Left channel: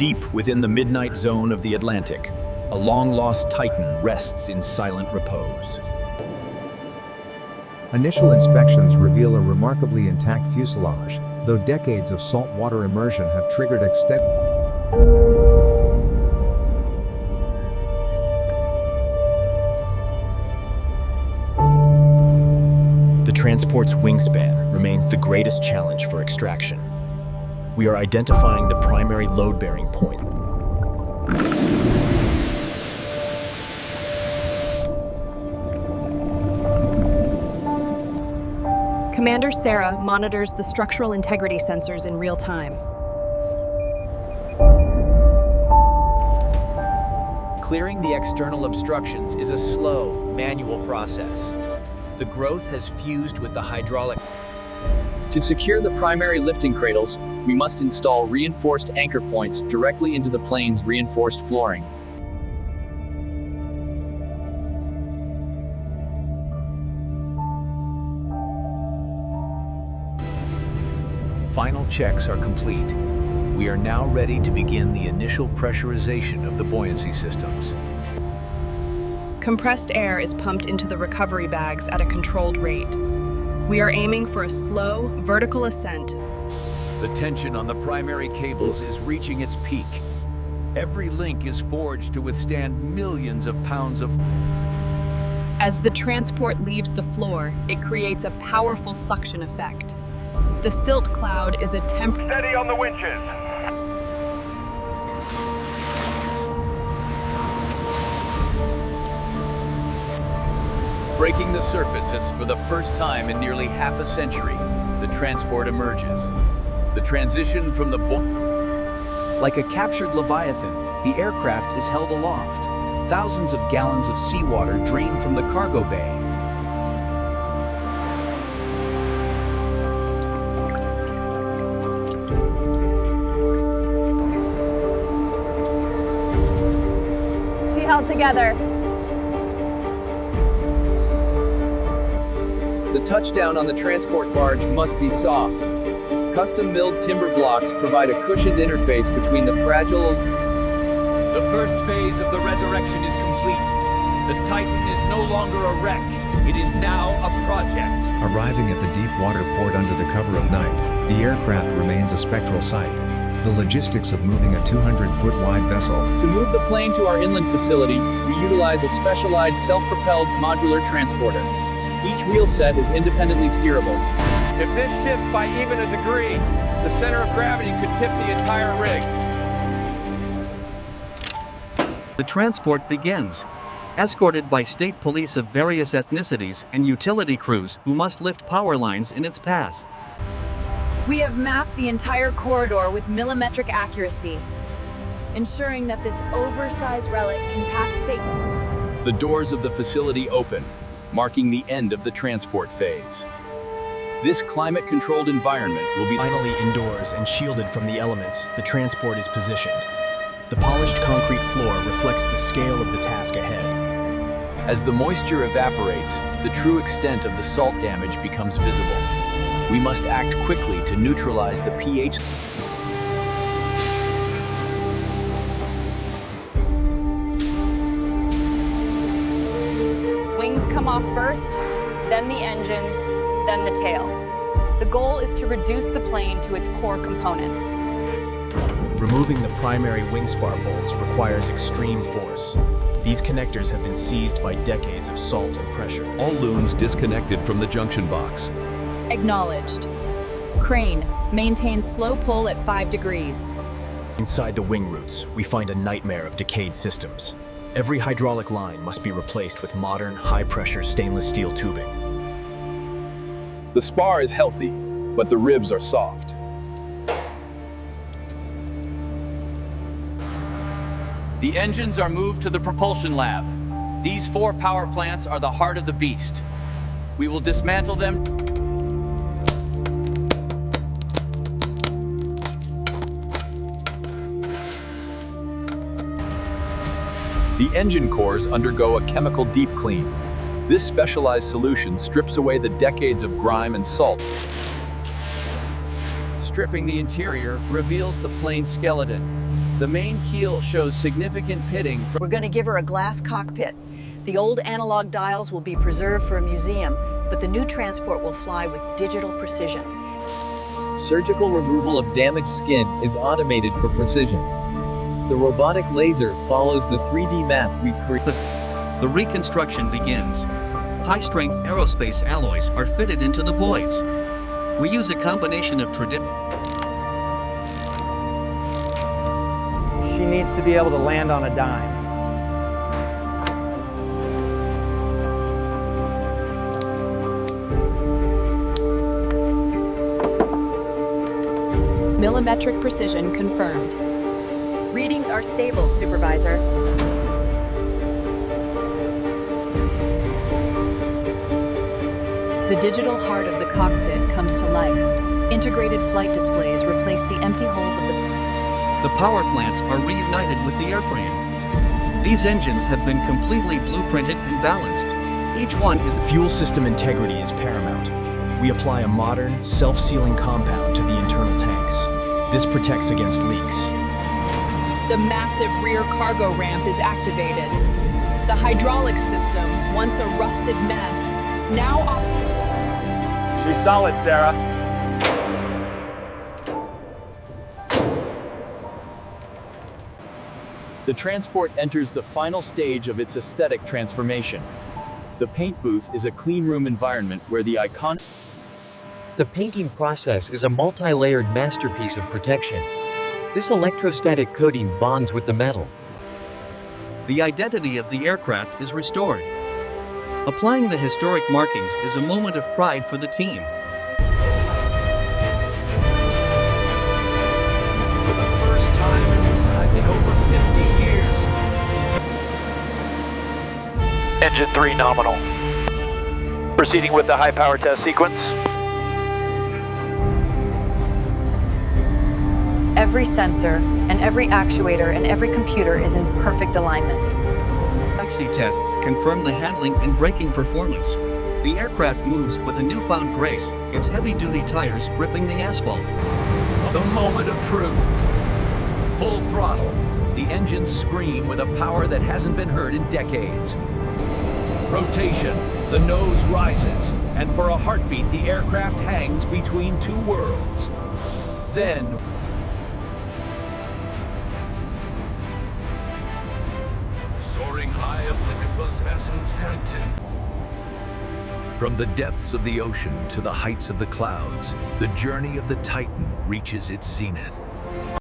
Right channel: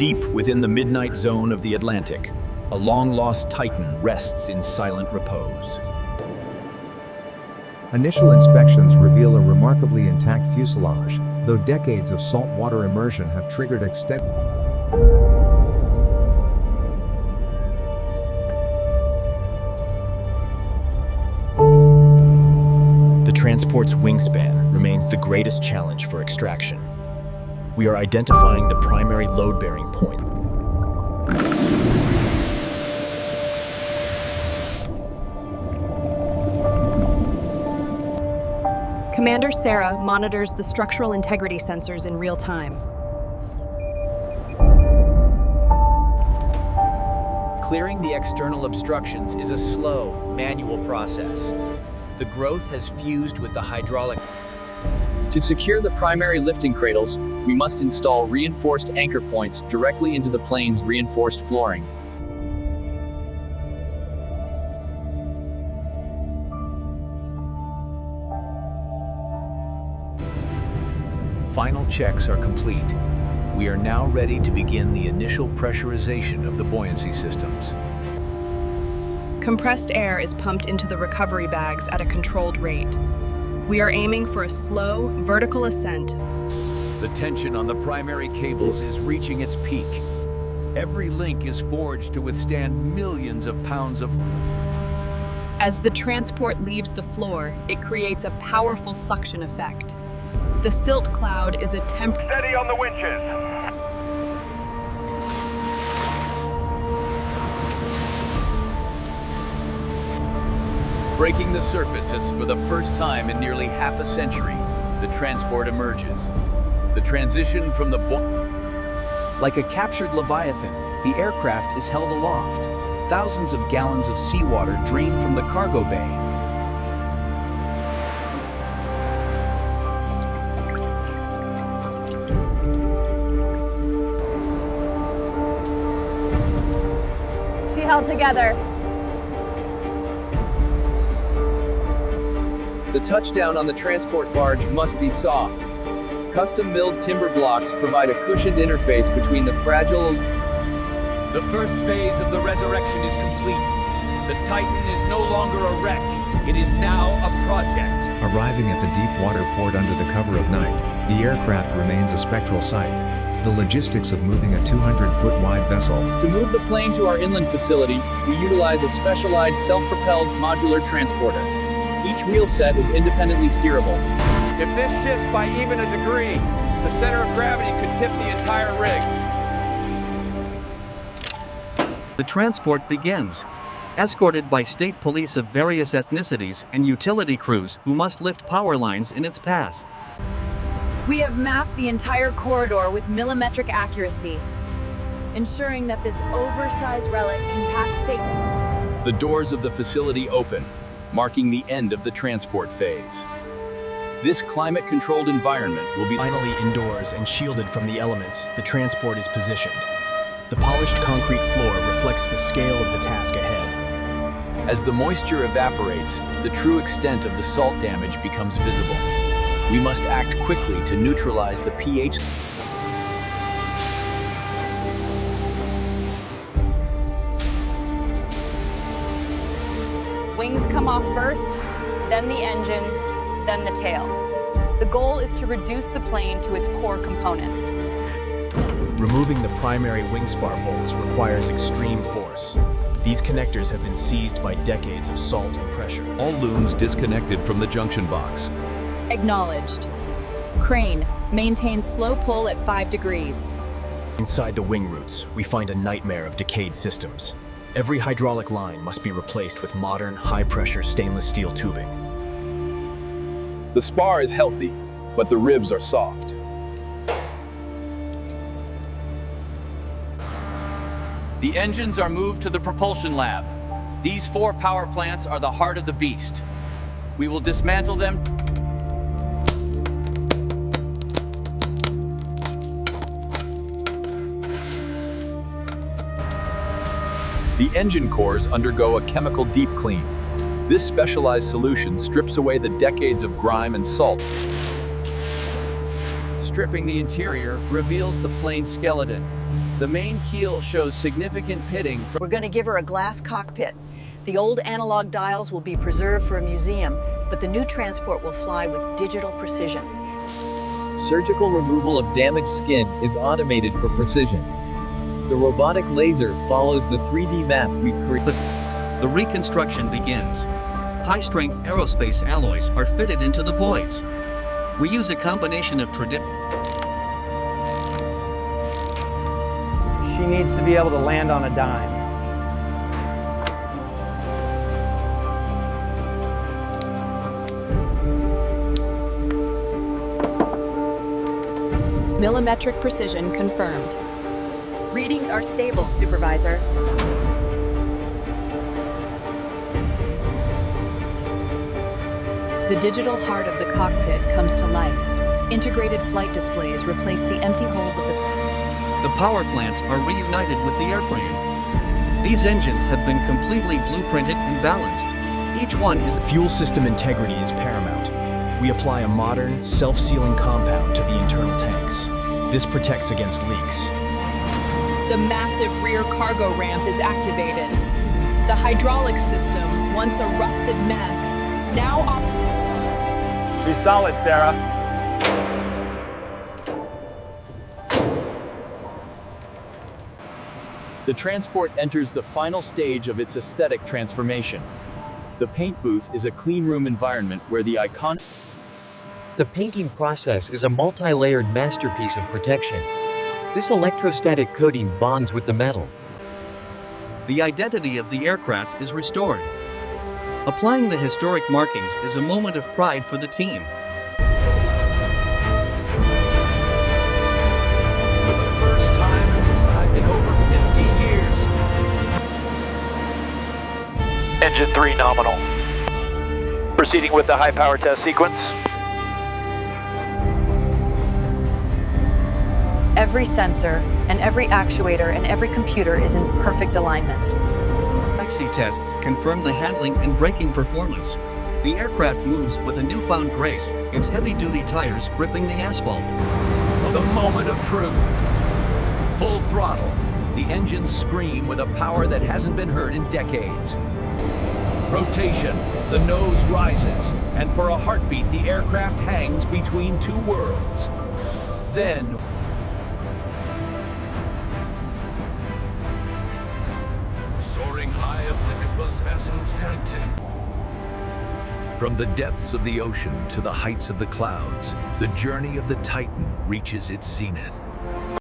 Deep within the midnight zone of the Atlantic, a long-lost Titan rests in silent repose. Initial inspections reveal a remarkably intact fuselage, though decades of saltwater immersion have triggered extensive. The transport's wingspan remains the greatest challenge for extraction. We are identifying the primary load-bearing point. Commander Sarah monitors the structural integrity sensors in real time. Clearing the external obstructions is a slow, manual process. The growth has fused with the hydraulic. To secure the primary lifting cradles, we must install reinforced anchor points directly into the plane's reinforced flooring. Final checks are complete. We are now ready to begin the initial pressurization of the buoyancy systems. Compressed air is pumped into the recovery bags at a controlled rate. We are aiming for a slow, vertical ascent. The tension on the primary cables is reaching its peak. Every link is forged to withstand millions of pounds of... As the transport leaves the floor, it creates a powerful suction effect. The silt cloud is a Steady on the winches. Breaking the surface as for the first time in nearly half a century, the transport emerges. The transition from the Like a captured leviathan, the aircraft is held aloft. Thousands of gallons of seawater drain from the cargo bay. She held together. The touchdown on the transport barge must be soft. Custom-milled timber blocks provide a cushioned interface between the fragile... The first phase of the resurrection is complete. The Titan is no longer a wreck. It is now a project. Arriving at the deep water port under the cover of night, the aircraft remains a spectral sight. The logistics of moving a 200-foot wide vessel. To move the plane to our inland facility, we utilize a specialized self-propelled modular transporter. Each wheel set is independently steerable. If this shifts by even a degree, the center of gravity could tip the entire rig. The transport begins, escorted by state police of various ethnicities and utility crews who must lift power lines in its path. We have mapped the entire corridor with millimetric accuracy, ensuring that this oversized relic can pass safely. The doors of the facility open, marking the end of the transport phase. This climate-controlled environment will be finally indoors and shielded from the elements. The transport is positioned. The polished concrete floor reflects the scale of the task ahead. As the moisture evaporates, the true extent of the salt damage becomes visible. We must act quickly to neutralize the pH. Wings come off first, then the engines, then the tail. The goal is to reduce the plane to its core components. Removing the primary wing spar bolts requires extreme force. These connectors have been seized by decades of salt and pressure. All looms disconnected from the junction box. Acknowledged. Crane, maintain slow pull at 5 degrees. Inside the wing roots, we find a nightmare of decayed systems. Every hydraulic line must be replaced with modern, high-pressure stainless steel tubing. The spar is healthy, but the ribs are soft. The engines are moved to the propulsion lab. These 4 power plants are the heart of the beast. We will dismantle them. The engine cores undergo a chemical deep clean. This specialized solution strips away the decades of grime and salt. Stripping the interior reveals the plane's skeleton. The main keel shows significant pitting. We're going to give her a glass cockpit. The old analog dials will be preserved for a museum, but the new transport will fly with digital precision. Surgical removal of damaged skin is automated for precision. The robotic laser follows the 3D map we created. The reconstruction begins. High-strength aerospace alloys are fitted into the voids. We use a combination of She needs to be able to land on a dime. Millimetric precision confirmed. Readings are stable, Supervisor. The digital heart of the cockpit comes to life. Integrated flight displays replace the empty holes of The power plants are reunited with the airframe. These engines have been completely blueprinted and balanced. Each one is... Fuel system integrity is paramount. We apply a modern, self-sealing compound to the internal tanks. This protects against leaks. The massive rear cargo ramp is activated. The hydraulic system, once a rusted mess, now... She's solid, Sarah. The transport enters the final stage of its aesthetic transformation. The paint booth is a clean room environment where the iconic... The painting process is a multi-layered masterpiece of protection. This electrostatic coating bonds with the metal. The identity of the aircraft is restored. Applying the historic markings is a moment of pride for the team. For the first time in over 50 years. Engine 3 nominal. Proceeding with the high power test sequence. Every sensor and every actuator and every computer is in perfect alignment. Taxi tests confirm the handling and braking performance. The aircraft moves with a newfound grace, its heavy-duty tires gripping the asphalt. The moment of truth. Full throttle. The engines scream with a power that hasn't been heard in decades. Rotation. The nose rises, and for a heartbeat, the aircraft hangs between two worlds. Then, Soaring high Olympus S-17. From the depths of the ocean to the heights of the clouds, the journey of the Titan reaches its zenith.